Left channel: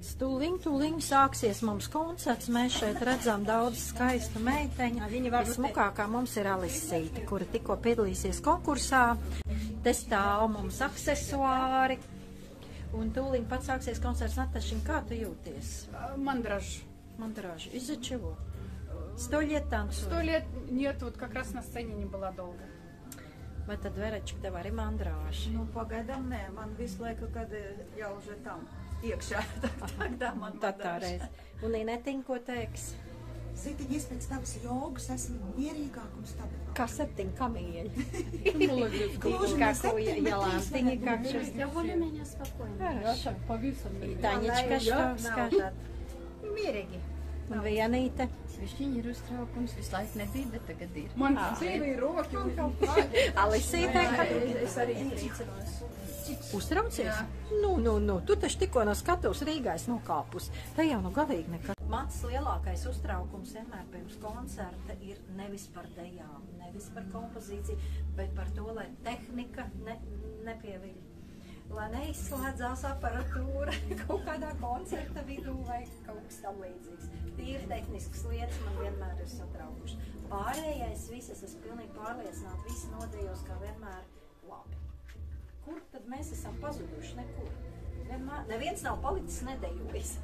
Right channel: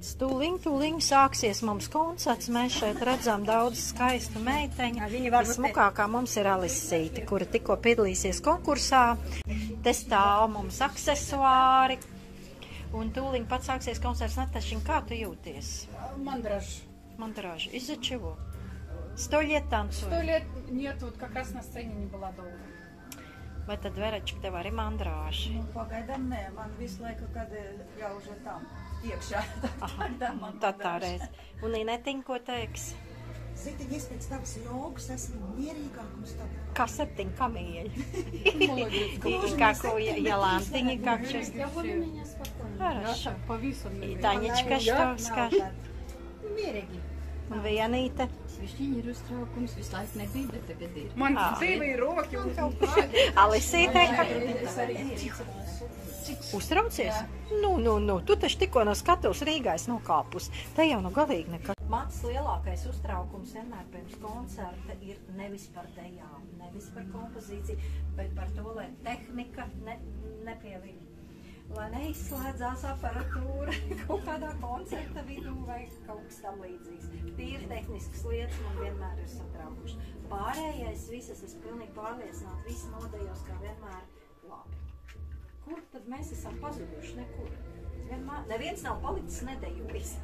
Tūliņ sāksies mums koncerts. Mēs šeit redzam daudz skaistu meiteņu. Vismukākā mums ir Alisīte, kura tikko piedalīsies konkursā. Te stāv mums aksesuāri. Un tūliņ pat sāksies koncerts. Natašiņ, kā tu jūties? Мандраж. Из-за чего? 100 лет танцую. 100 лет нет, вот как раз на сцене не была долго. Vai tad, Verečka, tev arī mandrāži? Nu, pagaidām nē, man visu laiku, kad jau уже там, iekšā, тогда man tā reiz. Un Inetiņa, ko teiks? Zitiņ, es pēc tavas jogas esmu mierīgāk un stabilāk. Kā 7 kamieļi. Kā ko Jolанtiņa, как сейчас? Я более меня спокойно. Хорошо. Повисла. И Танечка, что скажет? Mierīgi. Un Vienīte? Višķiņi ir uztraukums, visu laiku nebija, bet tagad ir. Man dzīve ir roki un kaut kā. Alisīte, Es arī uztraucies? Nu, tu taču tikko no skatuves Rīgā esi nokāpus. Te jau nu galīgi nekas. Mans lielākais uztraukums vienmēr pirms koncerta ir nevis par dejām, nevis par kompozīciju, bet par to, lai tehnika nepielīg. Lai neizslēdzās aparatūra kaut kādā koncerta vidū vai kaut kas tam līdzīgs. Tīri tehniskas lietas man vienmēr ir satraukuši. Pārējais viss, es esmu pilnīgi pārliecināta, visi nodejos kā vienmēr labi. Kur tad mēs esam pazuduši? Nekur. Neviens nav palicis nedejojis.